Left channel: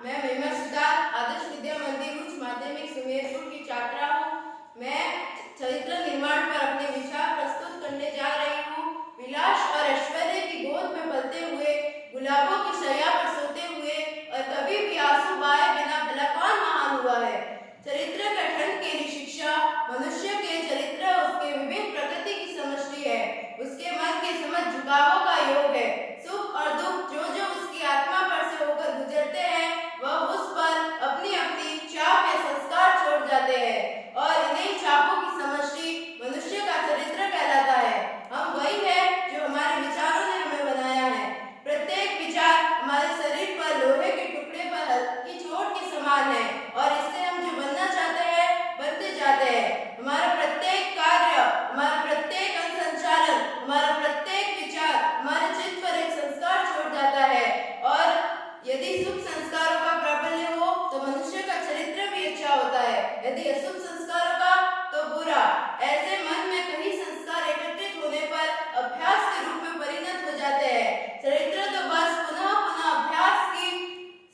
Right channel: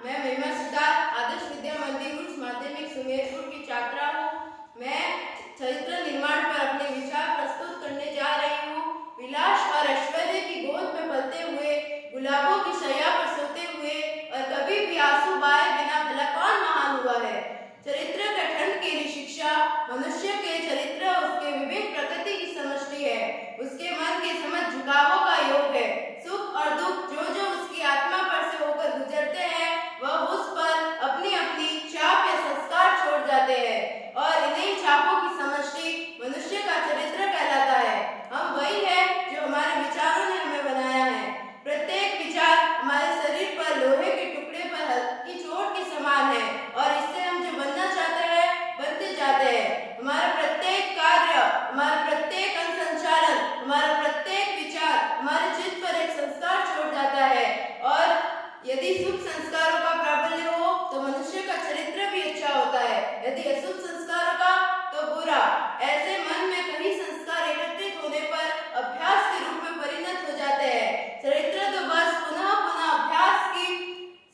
मैं महिमा सिद्धार्थ आदर्श विद्या मंदिर उच्च माध्यमिक सुमेरपुर की छात्रा हूँ। मैं चरित्र निर्माण पर अपने विचार प्रस्तुत करने जा रही हूँ। विलास और ऐश्वर्य की गोद में पलते हुए, गुलाबों की शैया पर सोते हुए और कभी भी आंसू बहाए बिना भला कौन महान हुआ है। चरित्र गठन के लिए शिक्षा मनुष्य के चरित्र उसके विवेक प्रकृति की समष्टि है, उसके मन के समझ झुकावों का योग है। सुख और दुख जो जो उसकी आत्मा पर से होकर गुजरते हैं वह उस पर अपनी अपनी छाप या संस्कार छोड़ जाते हैं और इन्हीं छापों की समष्टि मनुष्य का चरित्र कहलाता है। हम वही है जो हमारे विचारों ने हमें बनाया है। प्रत्येक विचार हमारे शरीर पर लोहे के टुकड़े पर हल्की चोट के समान है और इससे हम जो बनना चाहते हैं बनते जाते हैं। हमारा प्रत्येक कार्य, हमारा प्रत्येक अनुसंचालन, हमारा प्रत्येक विचार हमारे चित्त पर एक संस्कार छोड़ जाता है और यदि शुभ संस्कारों का प्राबल्य हो तो मनुष्य का चरित्र भी अच्छा होता है, यदि अशुभ संस्कारों का तो बुरा। ऐसे मन में कई संस्कार एकत्रित होने पर अभ्यास के रूप में परिणत हो जाते हैं। चरित्र तो बस पुनः पुनः अभ्यास की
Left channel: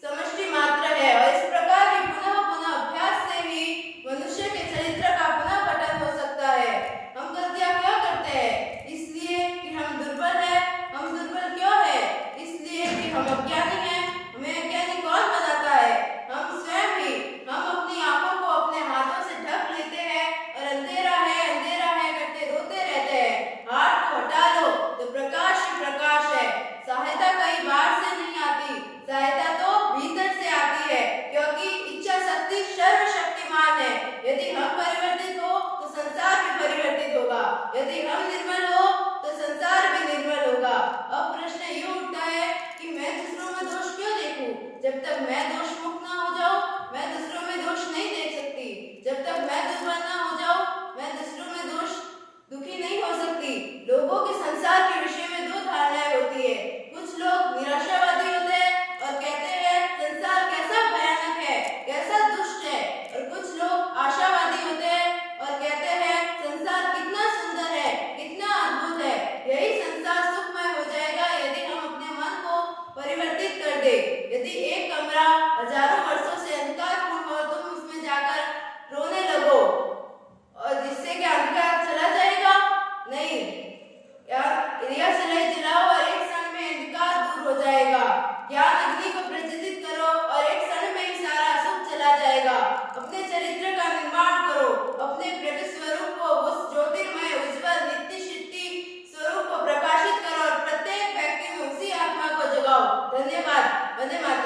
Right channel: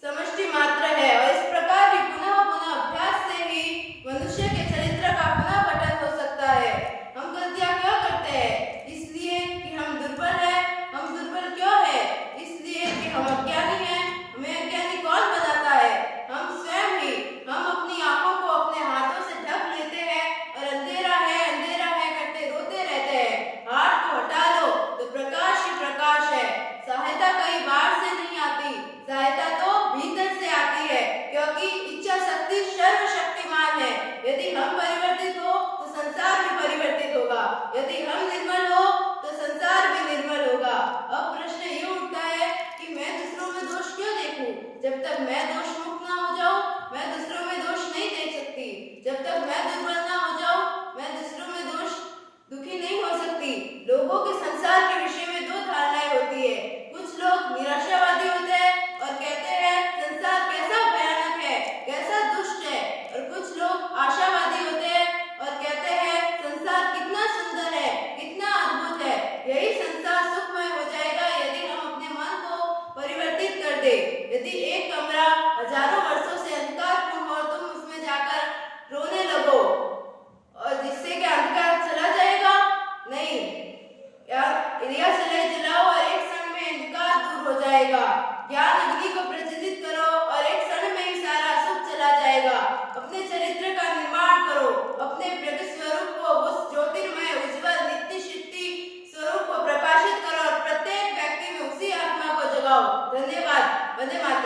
समष्टि मात्र है और इस प्रकार ही पुनः पुनः अभ्यास से ही मनुष्य के चरित्र का पुनः गठन हो सकता है। हम गलतियां क्यों करते हैं? इसलिए कि हम दुर्बल हैं। हम दुर्बल क्यों है? इसलिए कि हम अज्ञानी हैं। हमें अज्ञानी कौन बनाता है? हम स्वयं ही। हम अपनी आंखों को अपने हाथों से ढक लेते हैं और अंधेरा है करके रोते रहते हैं। हाथ को हटा लो तो प्रकाश ही प्रकाश है। सहायता कहीं बाहर से नहीं आती, सहायता तो भीतर से आती है, क्योंकि इच्छा शक्ति सर्वशक्तिमान है। यदि हम परिवर्तित हो तो संसार भी परिवर्तित होगा, यदि हम निर्मल हो तो संसार भी निर्मल होगा। अब प्रश्न ये उठता है कि मैं दूसरों में दोष क्यों देखूं? जब तक मैं दोष मुक्त ना हो जाऊं, मैं दूसरों में दोष नहीं देख सकती। जब तक मैं दुर्बल ना हो जाऊं, मैं दूसरों में दोष दुखी नहीं हो सकती। लोगों के संसार के विषय में दो धारणाएं होती है। कुछ लोग निराशावादी होते हैं और कहते हैं संसार कैसा भयानक है, कैसा दुष्ट है, और कुछ लोग आशावादी होते हैं और कहते हैं संसार कितना सुंदर है, कितना अद्भुत है। यही संसार सुखमय हो जाएगा यदि हम अपने मन को परिवर्तित कर दे। यदि एक कमरा हजारों वर्षों से अंधकारपूर्ण हो तुम उसमें जाकर रोने लगो और जिससे क्या अंधकार चला जाएगा? नहीं, दिया सलाई जलाओ और एक क्षण में अंधकार दूर हो जाएगा। ज्ञान अग्नि को प्रज्वलित करो और एक क्षण में ही सारा सुख चला जाएगा। अपने चरित्र का निर्माण करो, अपने प्रगट स्वरूप को उस ज्योतिर्मय उज्जवल नित्य शक्ति स्वरूप को प्रकाशित करो और प्रत्येक व्यक्ति में उसी आत्मा को जगाओ। धन्यवाद। वंदे मातरम।